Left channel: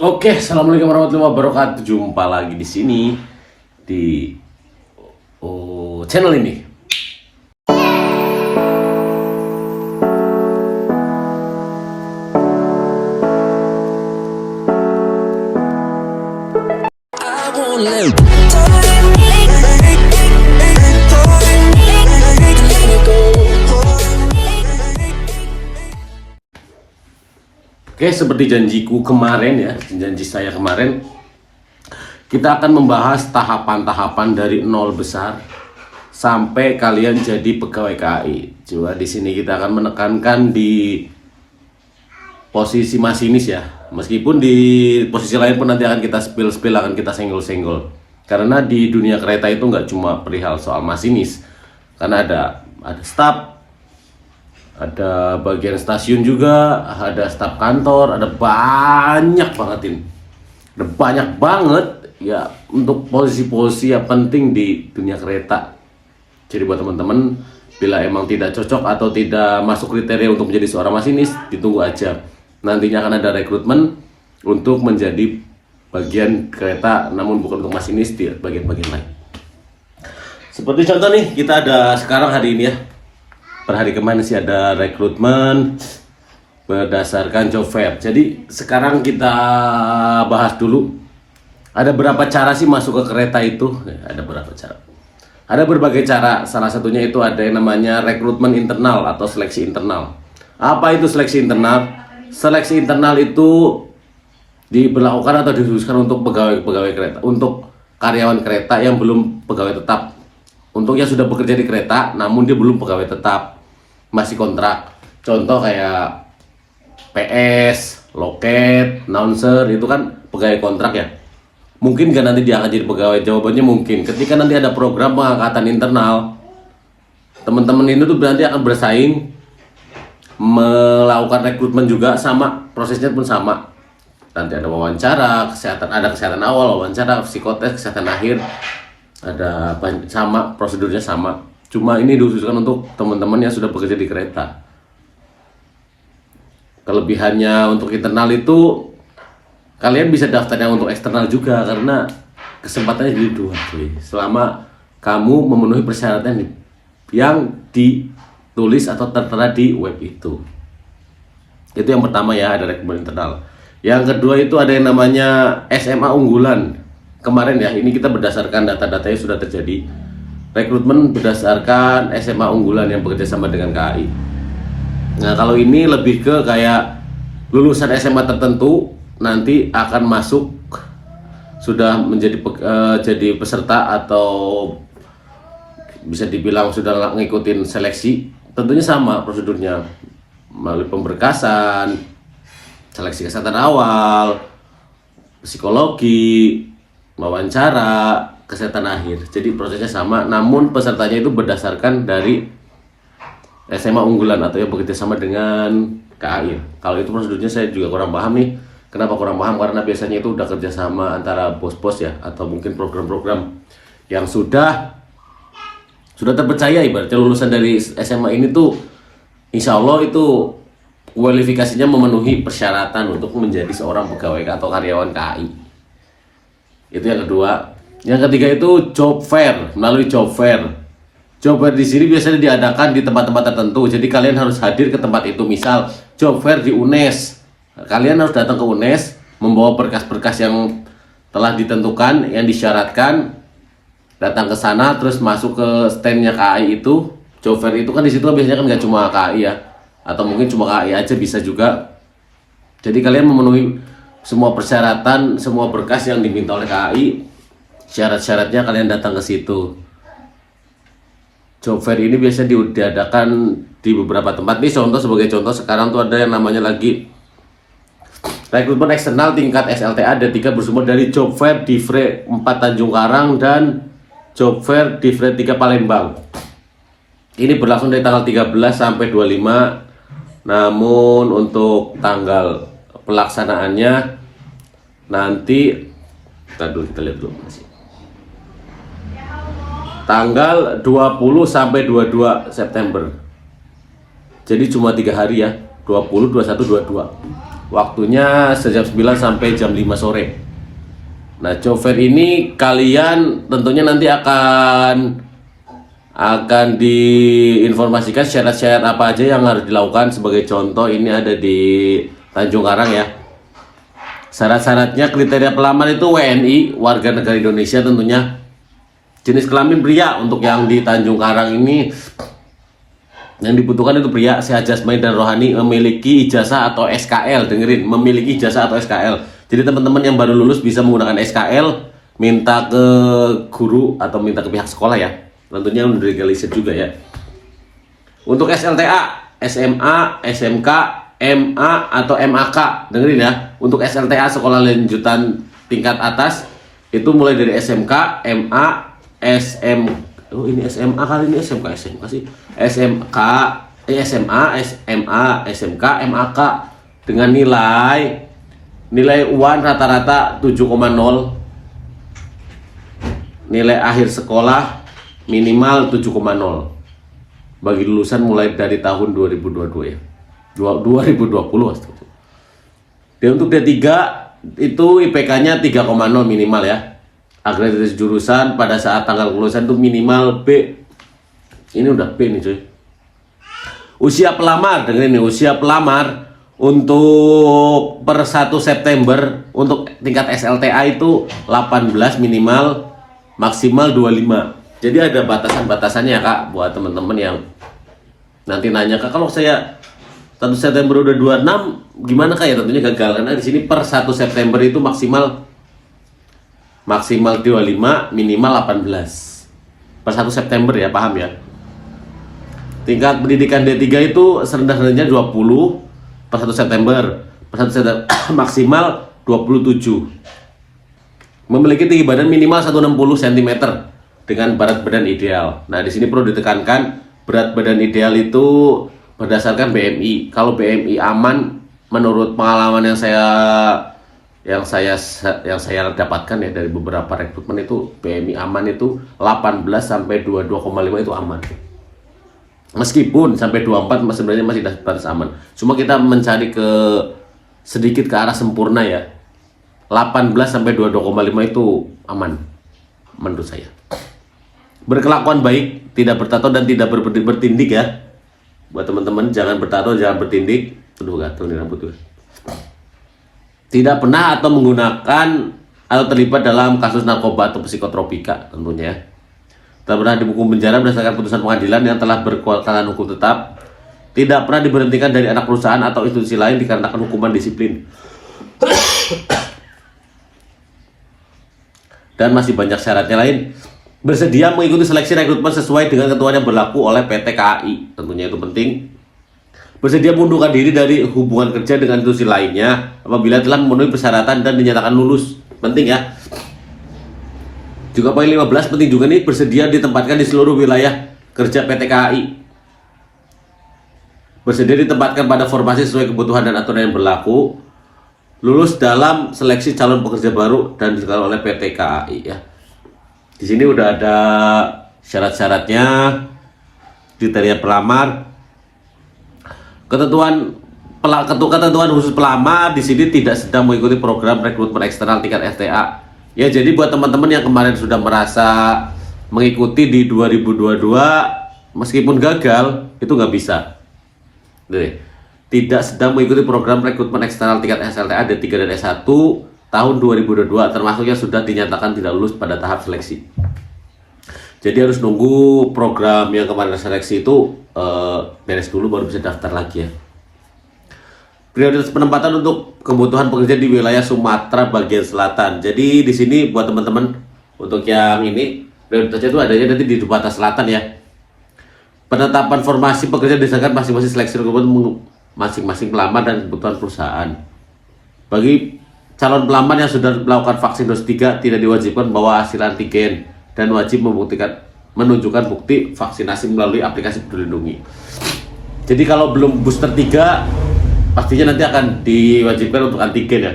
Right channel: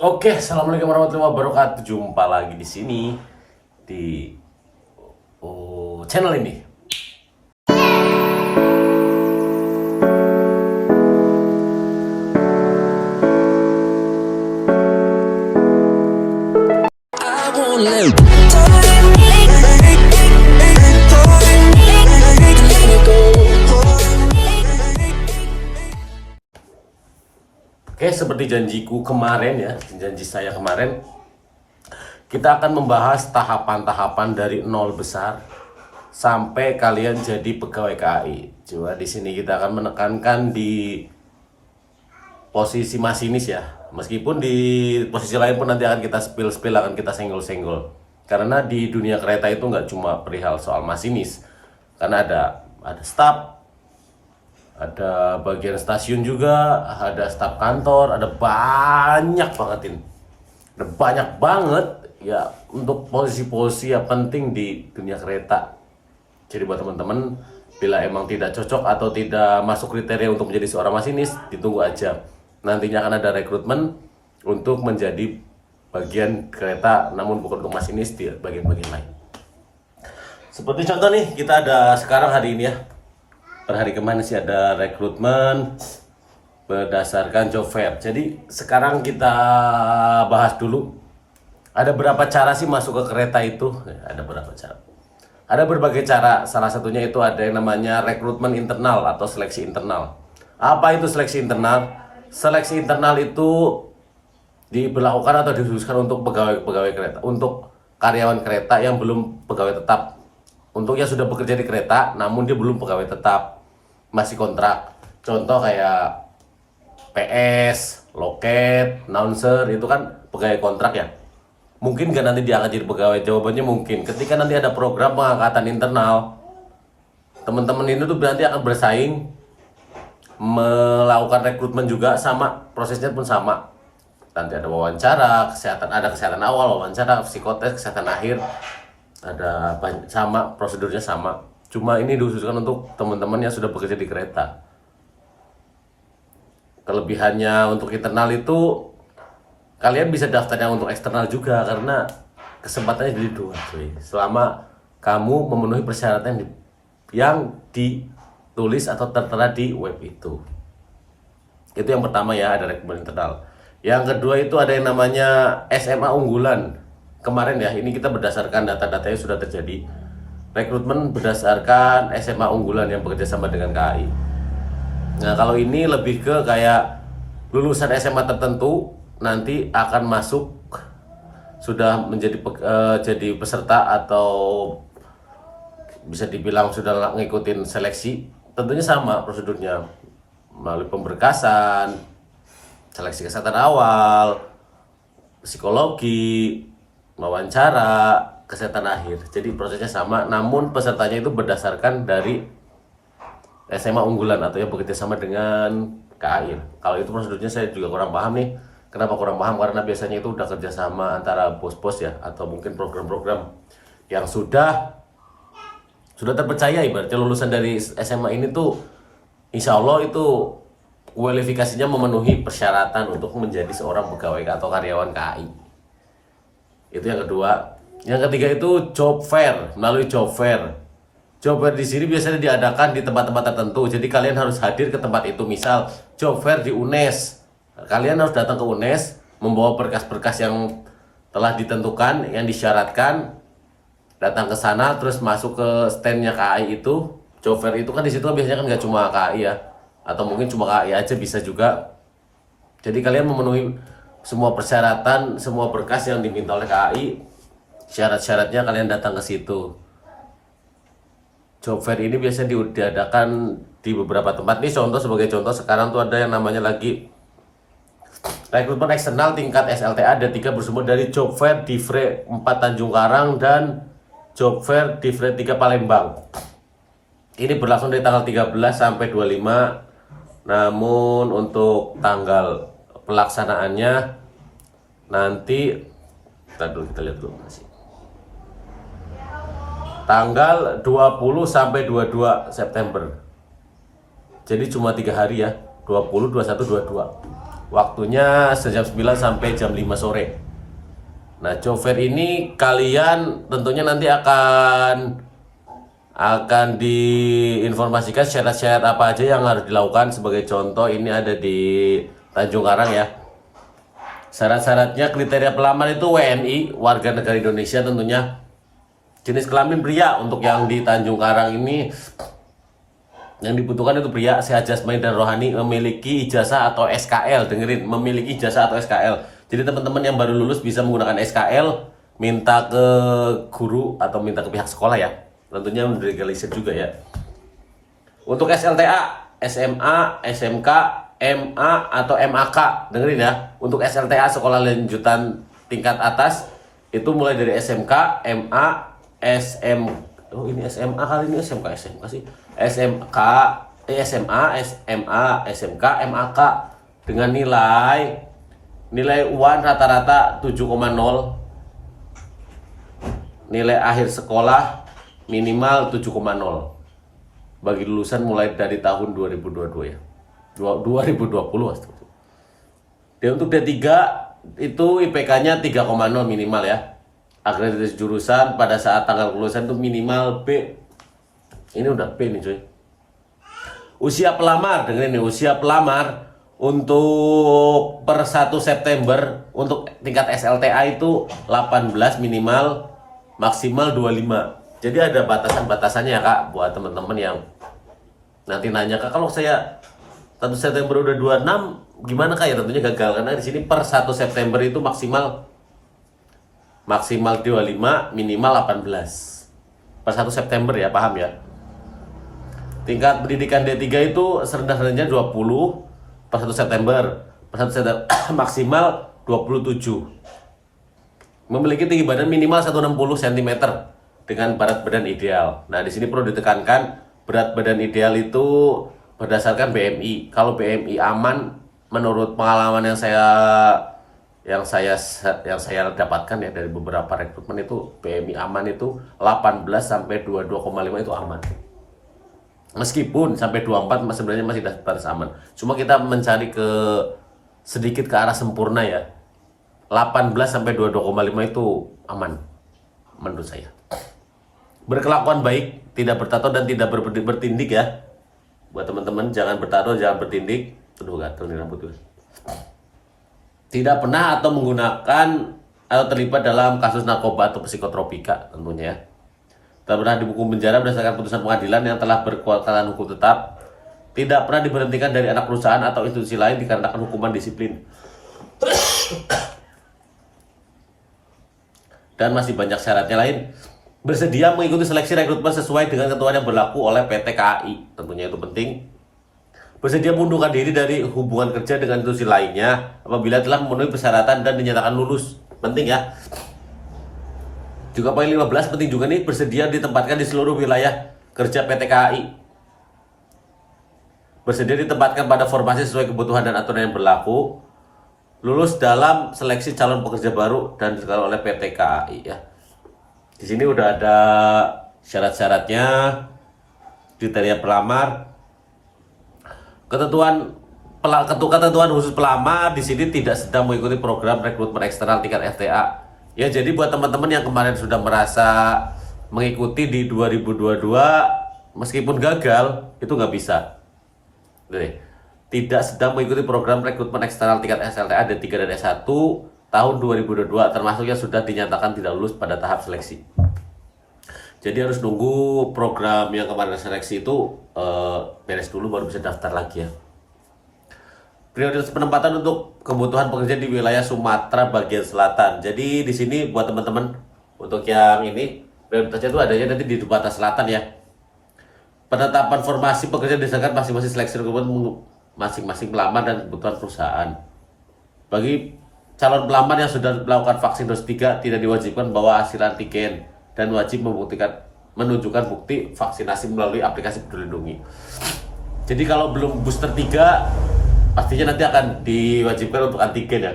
Oke, assalamualaikum warahmatullahi wabarakatuh. Jumpa lagi di sini di channel ini. Oke, seperti janjiku kemarin ya, janji saya kemarin, kita akan membahas tahapan-tahapan dari nol besar sampai kalian jadi pegawai KAI. Coba di sini kita akan menekankan di posisi masinis ya. Meskipun di posisi lain pun nanti akan kita spill-spill, akan kita senggol-senggol. Karena di dunia kereta itu nggak cuma perihal soal masinis, karena ada staff, ada bagian stasiun juga, ada staf kantor, ada banyak banget ini. Ada banyak banget ya untuk posisi-posisi yang penting di dunia kereta. Jadi buat teman-teman, bila emang tidak cocok atau tidak masuk kriteria untuk menjadi seorang masinis, ditunggu aja. Nantinya akan ada rekrutmen untuk menjadi bagian kereta, namun bukan untuk masinis di bagian-bagian lain. Seperti contoh nih, kita ada sekarang hari ini ya. Per hari kemarin sih ada rekrutmen berdasarkan job fair. Jadi sekarang kita bahas dulu. Ada berapa cara sih masuk ke kereta itu? Ya, ada berapa cara? Ada berbagai cara. Salah satunya itu ada yang namanya rekrutmen internal atau seleksi internal. Apa itu seleksi internal? Seleksi internal itu diberlakukan atau dikhususkan untuk pegawai-pegawai kereta, untuk karyawan kereta yang belum pegawai tetap. Untuk yang sudah bekerja di kereta, namun dia belum pegawai tetap, masih kontrak. Contoh kayak PS, loket, announcer, itu kan pegawai kontrak ya. Mungkin gak nanti dia akan jadi pegawai? Jawabannya mungkin. Ketika nanti ada program pengangkatan internal, teman-teman ini tuh berarti akan bersaing, melakukan rekrutmen juga sama, prosesnya pun sama. Nanti ada wawancara, kesehatan awal, wawancara, psikotes, kesehatan akhir, ada sama, prosedurnya sama. Cuma ini dikhususkan untuk teman-teman yang sudah bekerja di kereta. Kelebihannya untuk internal itu kalian bisa daftarnya untuk eksternal juga, karena kesempatannya jadi dua cuy. Selama kamu memenuhi persyaratan yang ditulis atau tertera di web itu. Itu yang pertama ya, ada rekrutmen internal. Yang kedua itu ada yang namanya SMA unggulan. Kemarin ya, ini kita berdasarkan data-data yang sudah terjadi. Rekrutmen berdasarkan SMA unggulan yang bekerja sama dengan KAI. Nah, kalau ini lebih ke kayak lulusan SMA tertentu nanti akan masuk, sudah menjadi jadi peserta atau bisa dibilang sudah ngikutin seleksi. Tentunya sama prosedurnya, melalui pemberkasan, seleksi kesehatan awal, psikologi, wawancara, kesehatan akhir. Jadi prosesnya sama, namun pesertanya itu berdasarkan dari SMA unggulan atau yang bekerja sama dengan KAI. Kalau itu prosedurnya saya juga kurang paham nih. Kenapa kurang paham? Karena biasanya itu udah kerjasama antara bos-bos ya, atau mungkin program-program yang sudah terpercaya. Ibaratnya lulusan dari SMA ini tuh insya Allah itu kualifikasinya memenuhi persyaratan untuk menjadi seorang pegawai atau karyawan KAI. Itu yang kedua. Yang ketiga itu job fair, melalui job fair. Job fair di sini biasanya diadakan di tempat-tempat tertentu. Jadi kalian harus hadir ke tempat itu. Misal job fair di UNES. Kalian harus datang ke UNES, membawa berkas-berkas yang telah ditentukan, yang disyaratkan. Datang ke sana, terus masuk ke standnya KAI itu. Job fair itu kan di situ biasanya kan nggak cuma KAI ya, atau mungkin cuma KAI aja bisa juga. Jadi kalian memenuhi semua persyaratan, semua berkas yang diminta oleh KAI. Syarat-syaratnya kalian datang ke situ. Job fair ini biasanya diadakan di beberapa tempat. Nih contoh, sebagai contoh sekarang tuh ada yang namanya lagi rekrutmen eksternal tingkat SLTA D3 bersumber dari job fair di Fre 4 Tanjung Karang dan job fair di Fre 3 Palembang. Ini berlangsung dari tanggal 13 sampai 25. Namun untuk tanggal pelaksanaannya nanti kita lihat dulu masih. Tanggal 20 sampai 22 September. Jadi cuma 3 hari ya. 20, 21, 22. Waktunya sejam 9 sampai jam 5 sore. Nah, job fair ini kalian tentunya nanti akan diinformasikan syarat-syarat apa aja yang harus dilakukan. Sebagai contoh, ini ada di Tanjung Karang ya. Syarat-syaratnya, kriteria pelamar itu WNI, warga negara Indonesia tentunya. Jenis kelamin pria. Untuk yang di Tanjung Karang ini, yang dibutuhkan itu pria, sehat jasmani dan rohani, memiliki ijazah atau SKL. Dengerin, memiliki ijazah atau SKL. Jadi teman-teman yang baru lulus bisa menggunakan SKL, minta ke guru atau minta ke pihak sekolah ya. Tentunya udah legalisir juga ya. Untuk SLTA, SMA, SMK, MA atau MAK, dengerin ya. Untuk SLTA, sekolah lanjutan tingkat atas, itu mulai dari SMK, MA, oh ini SMA kali ini, SMK sih. SMK, SMA, SMA, SMK, MAK dengan nilai UAN rata-rata 7,0. Nilai akhir sekolah minimal 7,0. Bagi lulusan mulai dari tahun 2022 ya. 2020. Dan untuk D3 itu IPK-nya 3,0 minimal ya. Akreditasi jurusan pada saat tanggal kelulusan itu minimal B. Ini udah B nih cuy. Usia pelamar, dengerin nih, usia pelamar untuk per 1 September untuk tingkat SLTA itu 18 minimal, maksimal 25. Jadi ada batasan-batasannya ya Kak, buat teman-teman yang nanti nanya, Kak, kalau saya 1 September udah 26 gimana Kak ya? Tentunya gagal, karena di sini per 1 September itu maksimal 25, minimal 18 per 1 September ya, paham ya. Tingkat pendidikan D3 itu serendah-rendahnya 20 per 1 September, per 1 September maksimal 27. Memiliki tinggi badan minimal 160 cm dengan berat badan ideal. Nah, di sini perlu ditekankan, berat badan ideal itu berdasarkan BMI. Kalau BMI aman, menurut pengalaman yang saya dapatkan ya dari beberapa rekrutmen, itu BMI aman itu 18 sampai 22,5 itu aman. Meskipun sampai 24 sebenarnya masih batas aman. Cuma kita mencari sedikit ke arah sempurna ya. 18 sampai 22,5 itu aman menurut saya. Berkelakuan baik, tidak bertato dan tidak bertindik ya. Buat teman-teman, jangan bertato, jangan bertindik. Aduh, gatel nih rambut gue. Tidak pernah atau menggunakan atau terlibat dalam kasus narkoba atau psikotropika tentunya ya. Tidak pernah dihukum penjara berdasarkan putusan pengadilan yang telah berkekuatan hukum tetap. Tidak pernah diberhentikan dari anak perusahaan atau institusi lain dikarenakan hukuman disiplin. Dan masih banyak syaratnya lain. Bersedia mengikuti seleksi rekrutmen sesuai dengan ketentuan yang berlaku oleh PT KAI. Tentunya itu penting. Bersedia mengundurkan diri dari hubungan kerja dengan institusi lainnya apabila telah memenuhi persyaratan dan dinyatakan lulus. Penting ya. Juga poin 15 penting juga nih, bersedia ditempatkan di seluruh wilayah kerja PT KAI. Bersedia ditempatkan pada formasi sesuai kebutuhan dan aturan yang berlaku. Lulus dalam seleksi calon pekerja baru dan dilakukan oleh PT KAI ya. Di sini udah ada syarat-syaratnya, kriteria pelamar, ketentuan khusus pelamar di sini tidak sedang mengikuti program rekrutmen eksternal tingkat FTA. Ya, jadi buat teman-teman yang kemarin sudah merasa mengikuti di 2022 meskipun gagal, itu nggak bisa. Jadi, tidak sedang mengikuti program rekrutmen eksternal tingkat SLTA D3 dan S1 tahun 2022, termasuk yang sudah dinyatakan tidak lulus pada tahap seleksi. Jadi harus nunggu program yang kemarin seleksi itu beres dulu baru bisa daftar lagi ya. Prioritas penempatan untuk kebutuhan pekerja di wilayah Sumatera bagian selatan. Jadi di sini buat teman-teman, untuk yang ini prioritasnya itu adanya nanti di batas selatan ya. Penetapan formasi pekerja berdasarkan masing-masing seleksi rekrutmen masing-masing pelamar dan kebutuhan perusahaan. Bagi calon pelamar yang sudah melakukan vaksin dosis 3 tidak diwajibkan membawa hasil antigen dan wajib menunjukkan bukti vaksinasi melalui aplikasi Peduli Lindungi. Jadi kalau belum booster 3 pastinya nanti akan diwajibkan untuk antigen ya.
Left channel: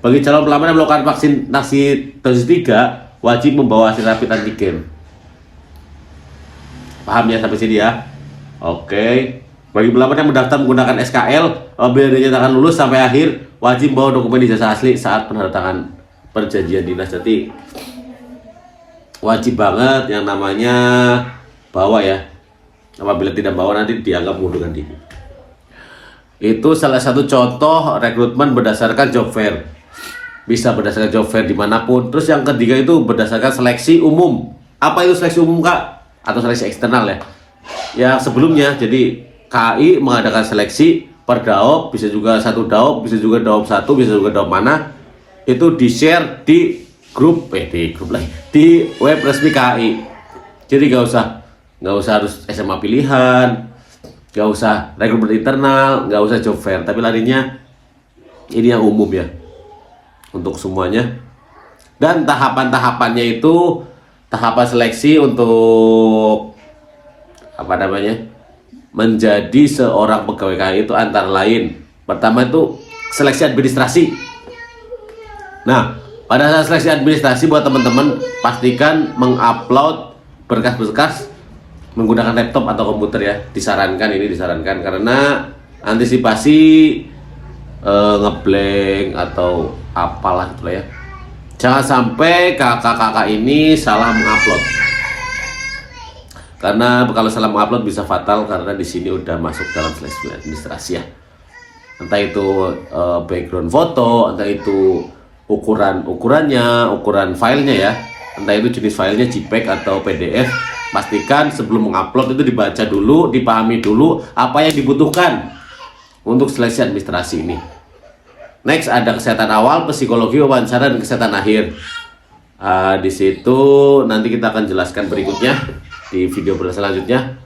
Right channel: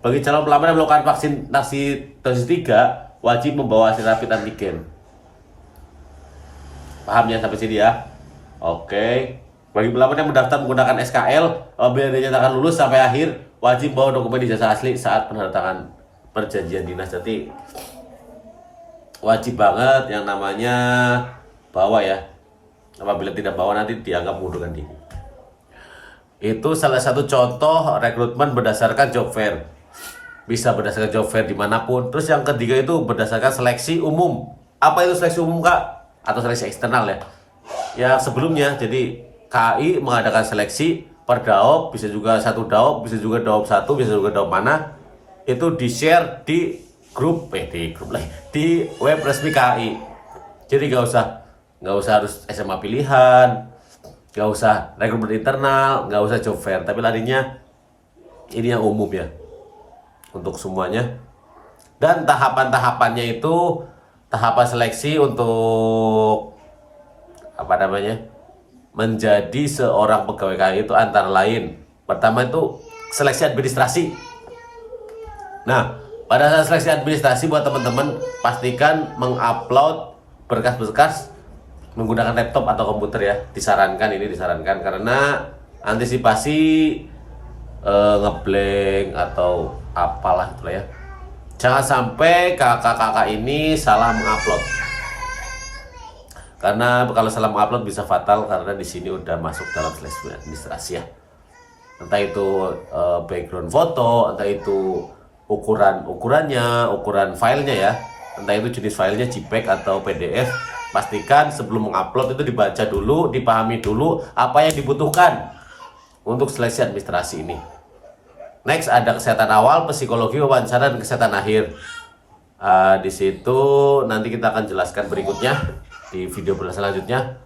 Bagi calon pelamar yang melakukan vaksinasi dosis 3 wajib membawa hasil rapid antigen. Paham ya sampai sini ya? Oke. Bagi pelamar yang mendaftar menggunakan SKL, apabila dinyatakan lulus sampai akhir, wajib bawa dokumen ijazah asli saat penandatangan perjanjian dinas. Jadi wajib banget yang namanya bawa ya. Apabila tidak bawa nanti dianggap mengundurkan diri. Itu salah satu contoh rekrutmen berdasarkan job fair. Bisa berdasarkan job fair dimanapun. Terus yang ketiga itu berdasarkan seleksi umum. Apa itu seleksi umum, Kak? Atau seleksi eksternal ya? Yang sebelumnya, jadi KAI mengadakan seleksi per daop, bisa juga satu daop, bisa juga daop satu, bisa juga daop mana. Itu di-share di grup, di web resmi KAI. Jadi gak usah harus SMA pilihan, gak usah rekrutmen internal, gak usah job fair, tapi larinya ini yang umum ya untuk semuanya. Dan tahapan-tahapannya itu tahapan seleksi untuk apa namanya menjadi seorang pegawai KAI itu antara lain, pertama itu seleksi administrasi. Nah, pada saat seleksi administrasi buat teman-teman pastikan mengupload berkas-berkas menggunakan laptop atau komputer ya. Disarankan karena antisipasi ngeblank atau apalah itu ya. Jangan sampai kakak-kakak ini salah mengupload. Karena kalau salah mengupload bisa fatal karena di sini udah masuk dalam seleksi administrasi ya. Entah itu background foto, entah itu ukuran filenya ya. Entah itu jenis filenya JPEG atau PDF. Pastikan sebelum mengupload itu dibaca dulu, dipahami dulu apa yang dibutuhkan untuk seleksi administrasi ini. Next ada kesehatan awal, psikologi, wawancara, dan kesehatan akhir. Di situ nanti kita akan jelaskan berikutnya di video selanjutnya.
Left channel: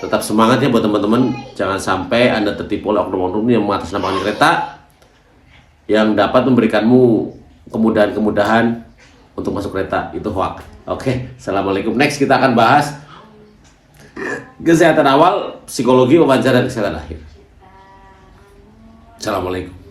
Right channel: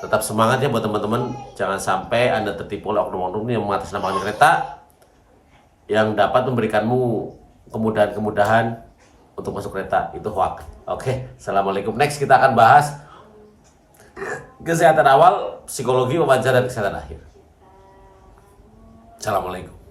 Tetap semangat ya buat teman-teman. Jangan sampai Anda tertipu oleh oknum-oknum yang mengatasnamakan kereta yang dapat memberikanmu kemudahan-kemudahan untuk masuk kereta. Itu hoax. Oke, assalamualaikum. Next kita akan bahas kesehatan awal, psikologi, wawancara, dan kesehatan akhir. Assalamualaikum.